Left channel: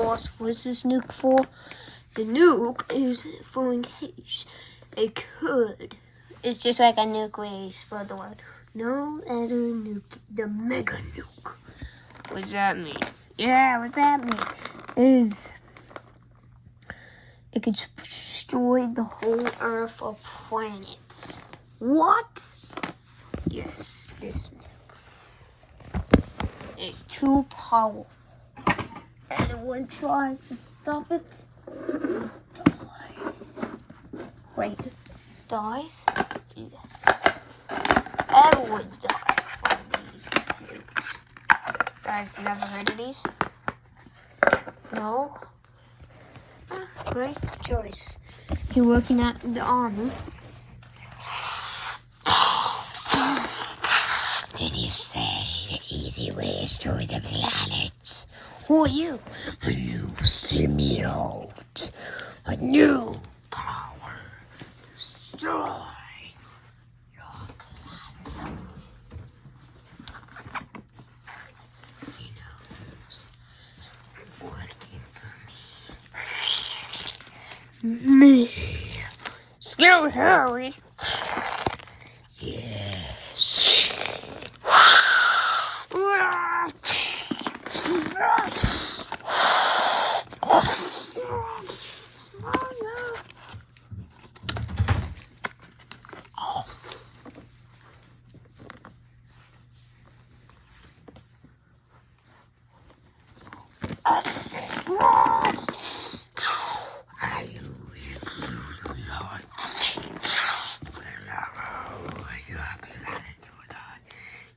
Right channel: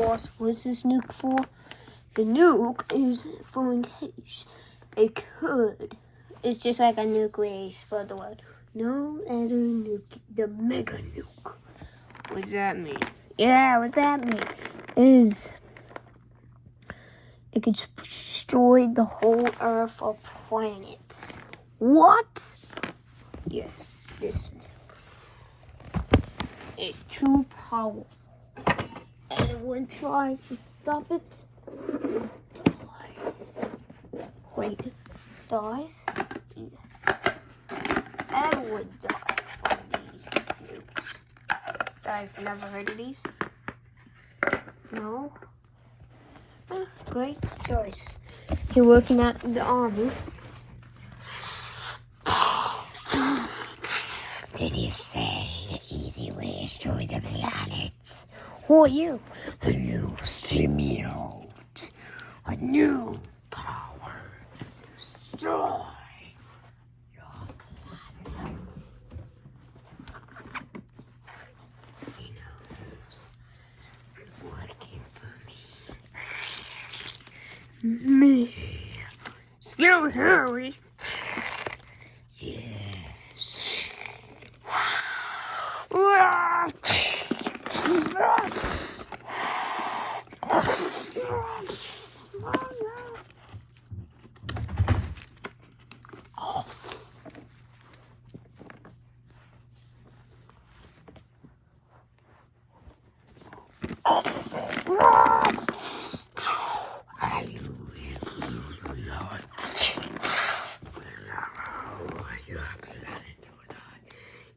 boss. What's this nuke for? The nuke is for in case it could. It's just like a nuclear spread the word. No other nuke, the mega nuke. What's that mean? Yeah, what's that mean? Is it could destroy the whole Earth or planets. What? Yes, this nuke. It's too powerful. Anyone tries to stop it, dies. Wait, dies? Yes. Everyone dies from these nukes. Guys, never heard of these? No? Great choice. You're working at the army. Did you say the easy way to destroy the planet? Who are you? A new symbiote. A new power to destroy your planet. He knows working for me. Scary Harry. Yes.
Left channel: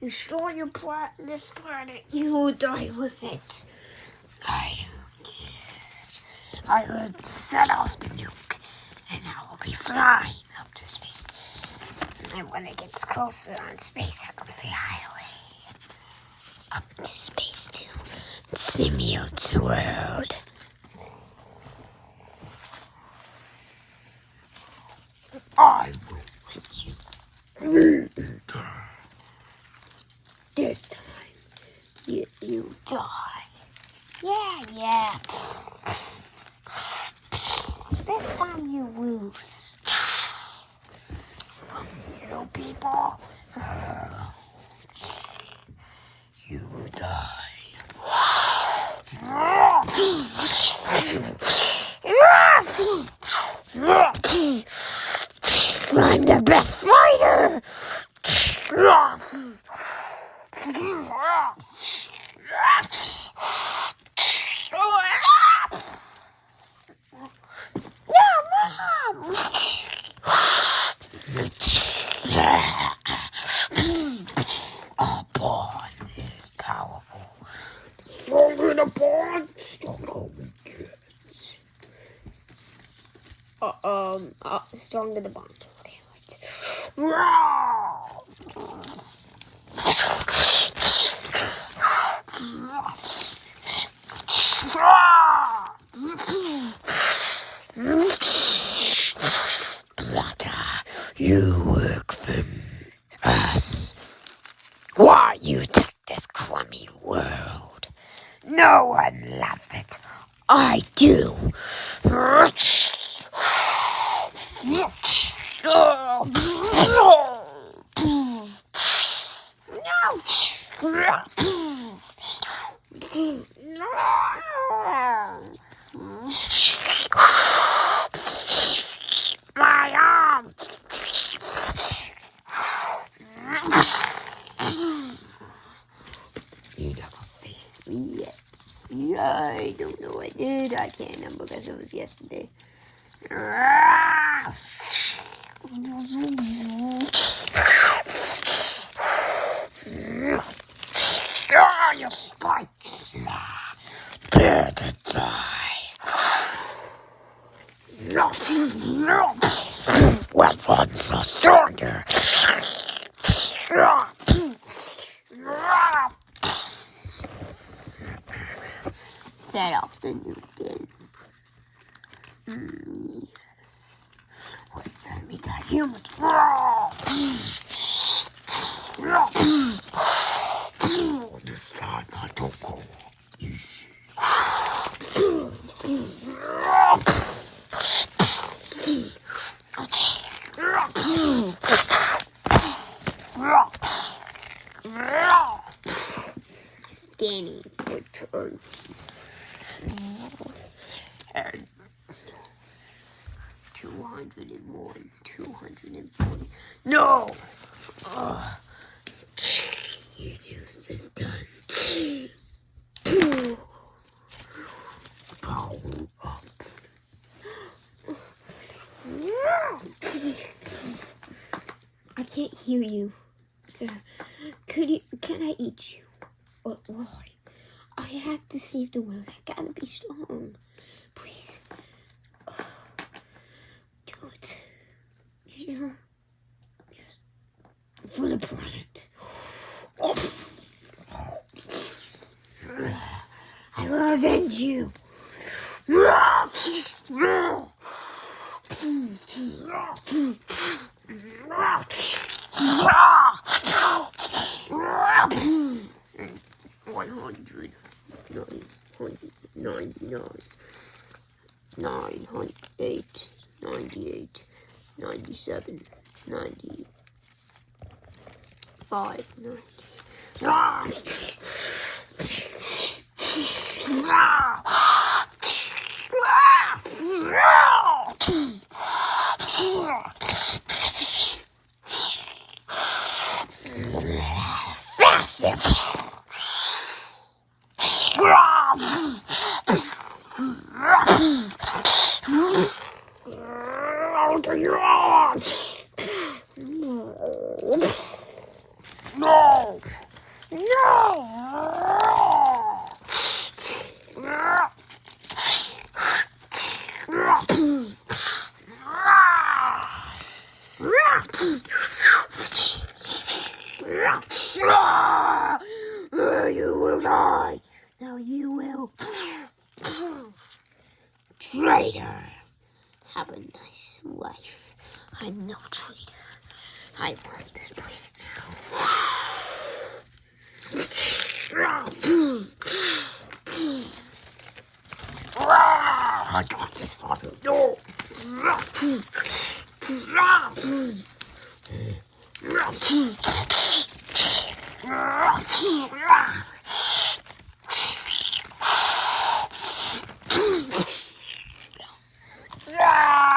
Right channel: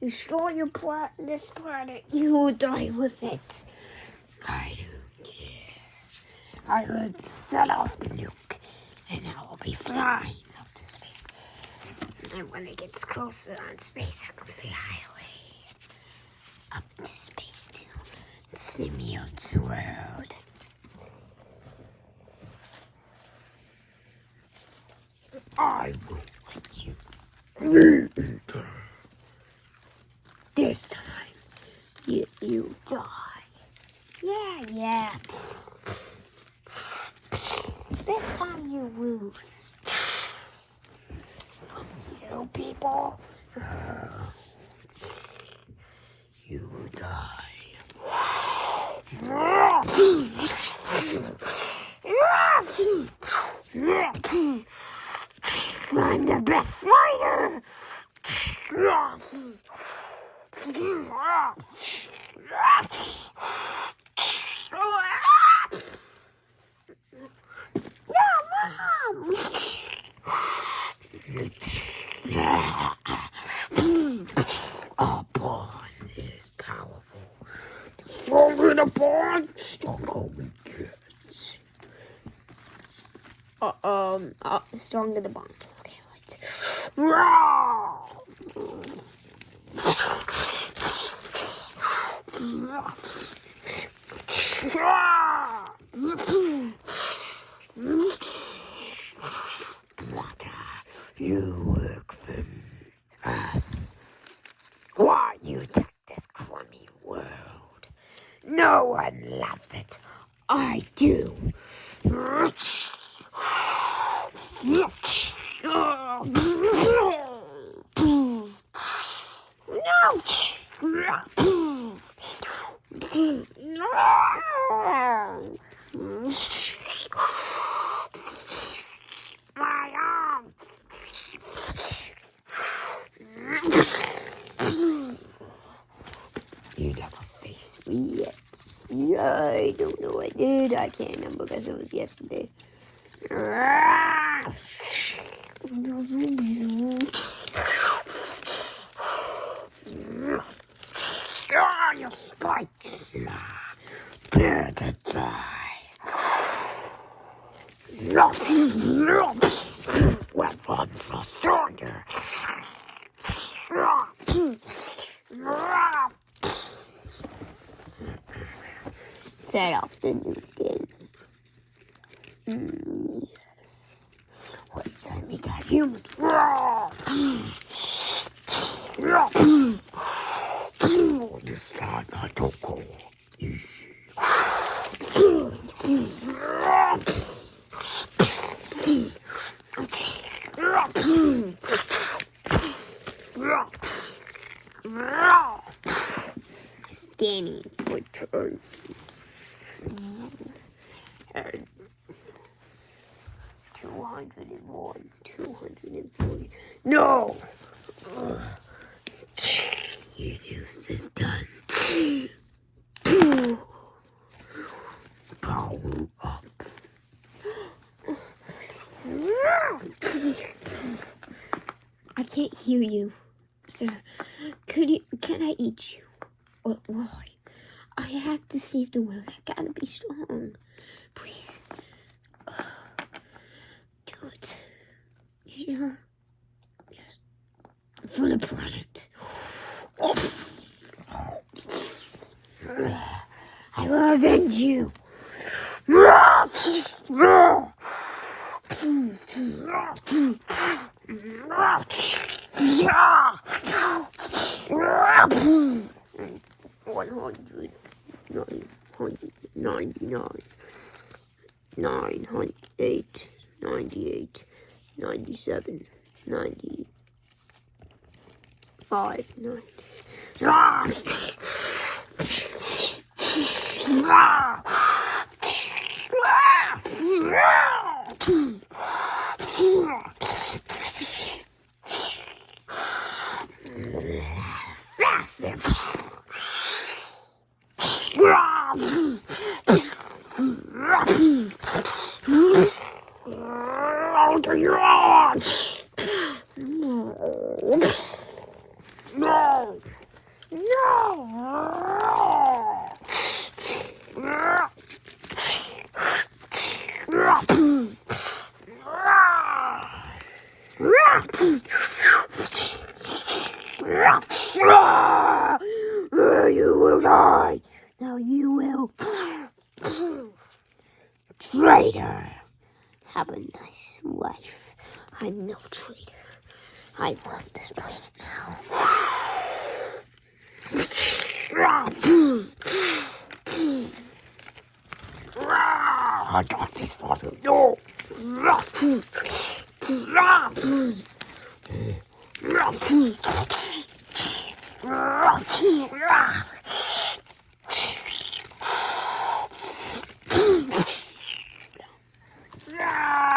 Destroy your this planet, you will die with it. I don't care. I will set off the nuke, and I will be flying up to space. And when it gets closer on space, I'll go the highway up to space to Symbiote's world. I won't let you. This time, you die. Yeah. This time you lose. From you people, you die. I'm the best fighter. A bond is powerful. The stronger the bond, stronger we get. Stronger the bond. Okay, wait. Blotter, you work for us. Why you take this crummy world? No one loves it. I do. My arm. You never faced me yet. Yeah, I don't know I did. I can't remember because it was yesterday. Your spikes. Prepare to die. Weapons are stronger. Set off the nuke. Yes. What time we got humans? This time I don't go easy. And 201, 240. No! Your use is done. Power up. I can't hear you, sir. Can I eat you? Why? I have to save the world. I gotta be strong. Please. Do it. You sure? Yes. For the planet. I will avenge you. One hundred 999 908 98 97 95 No! You will die. Now you will. Traitor. Have a nice life. I'm no traitor. I love this planet now. I got this father. No.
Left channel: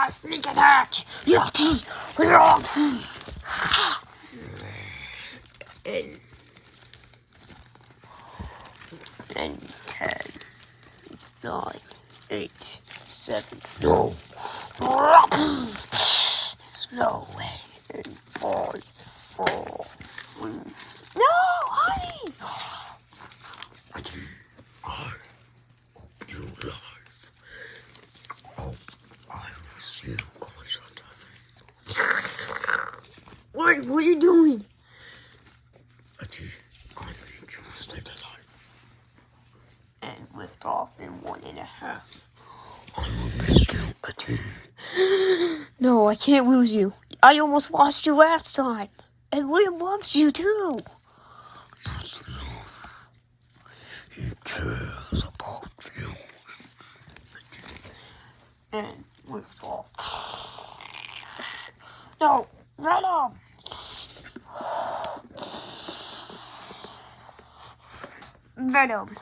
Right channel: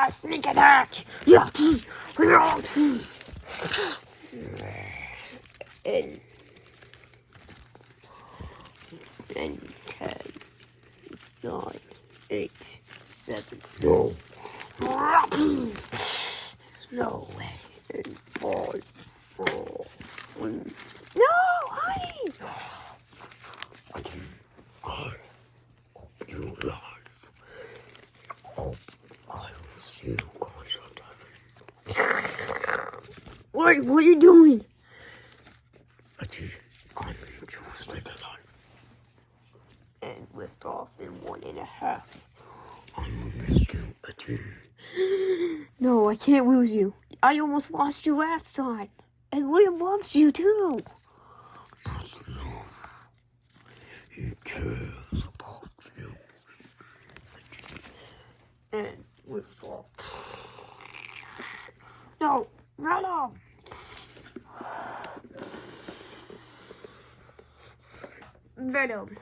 Sneak attack! And 10, 9, 8, 7. No. No way. And 5, 4, 3. No, honey! I hope you life. Hope I will see you concert of it. What are you doing? I'm interested in life. And lift off in 1.5. I will miss you, Ati. No, I can't lose you. I almost lost you last time. And William loves you too. Not enough. He cares about you. And lift off. No, Venom! Venom.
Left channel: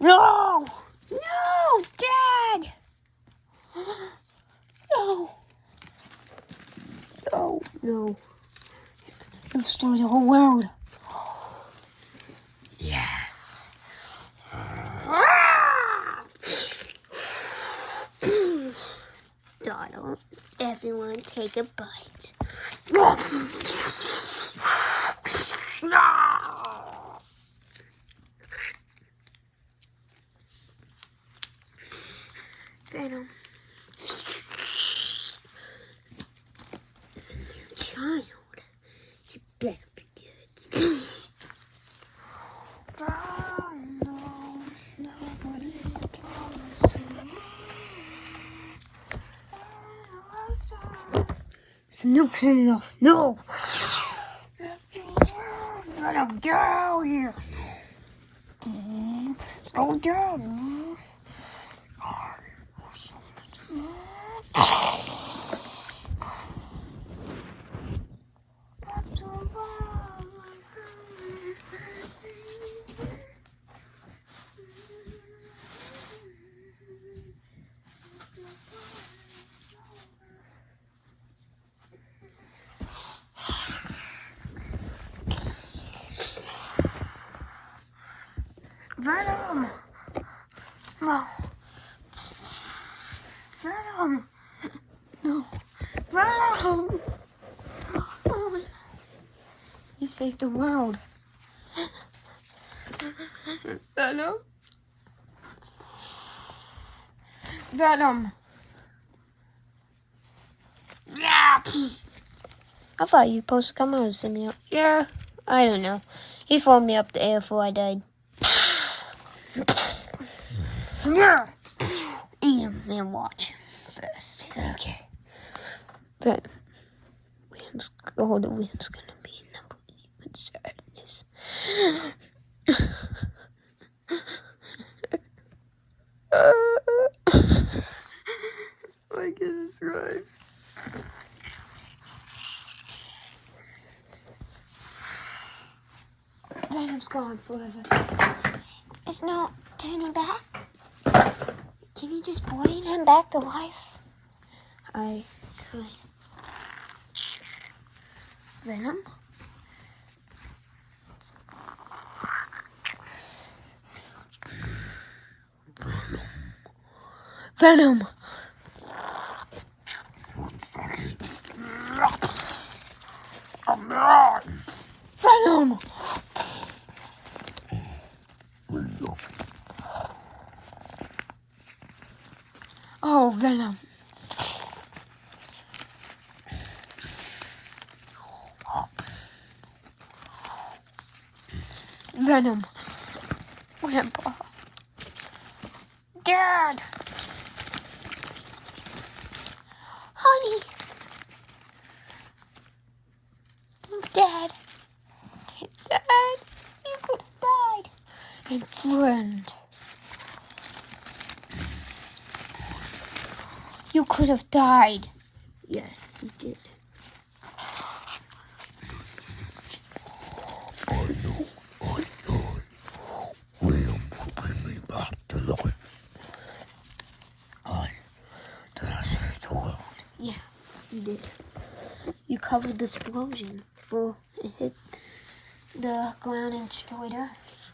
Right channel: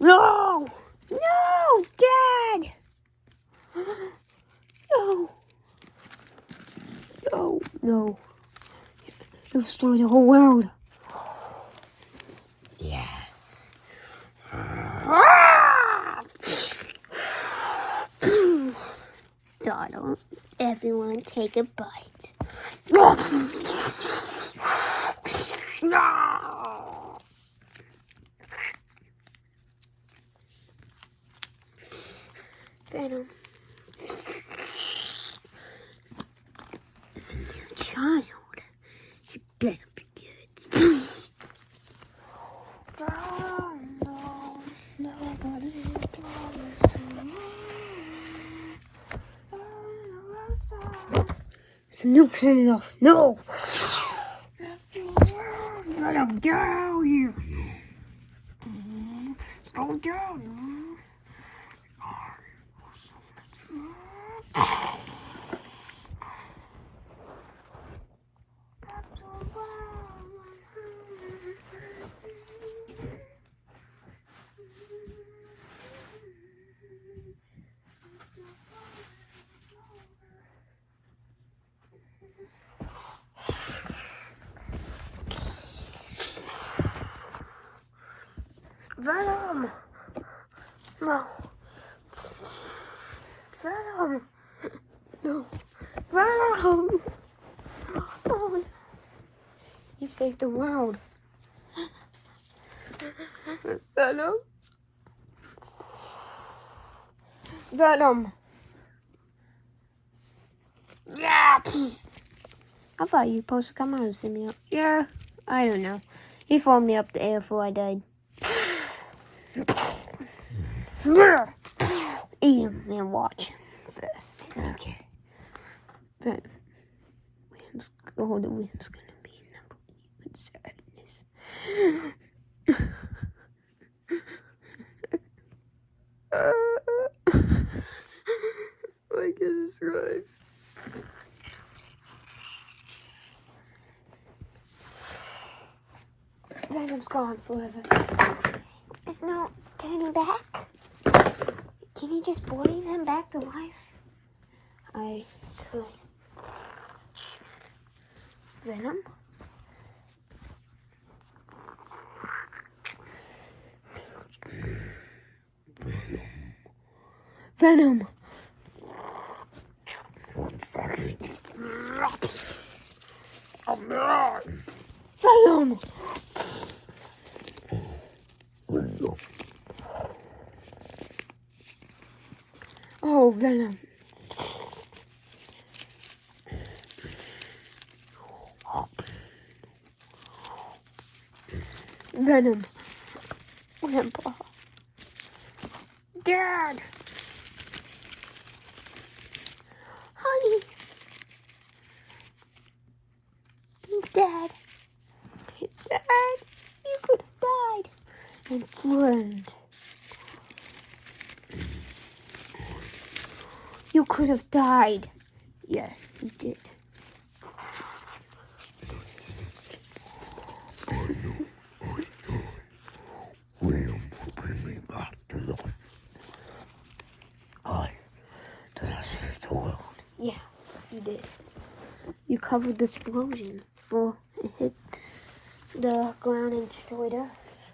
No! No, Dad! No. No, no. You'll destroy the whole world. Yes. Donald, everyone take a bite. No! Venom. It's a new child. You better be good. No, nobody belongs to me. It's a new enough. No! Venom, get out of here! It's going down. Venom! No. Venom! No. Venom! Oh, he saved the world. Venom? Venom! I thought you were supposed to come out and see me. Yeah, I don't know. He phoned me up the air before I died. Eat him and watch him first. Okay. But William's gonna be number one sadness. My goodness, right. Venom's gone forever. There's no turning back. Can you just bring him back to life? I could. Venom? Venom! Venom! Oh, Venom. Venom. Grandpa. Dad. Honey. Dad. Dad. You could have died. And friend. You could have died. Yeah, you did. I know. William will bring me back to life. Did I save the world? Yeah, you did. You covered the explosion before it hit the ground and destroyed Earth.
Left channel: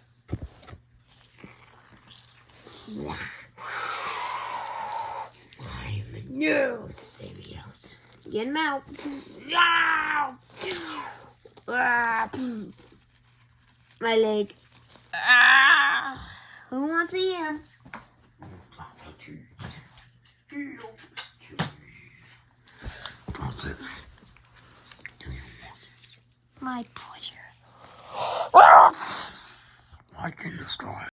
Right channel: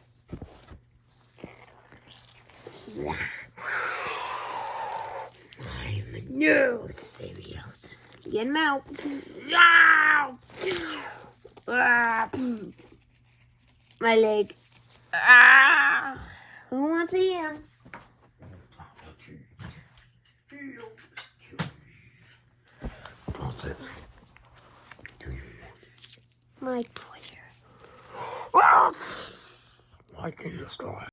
I'm a new symbiote. Get him out. My leg. Who wants to eat him? That's it. Do you want it? My pleasure. Why can you start?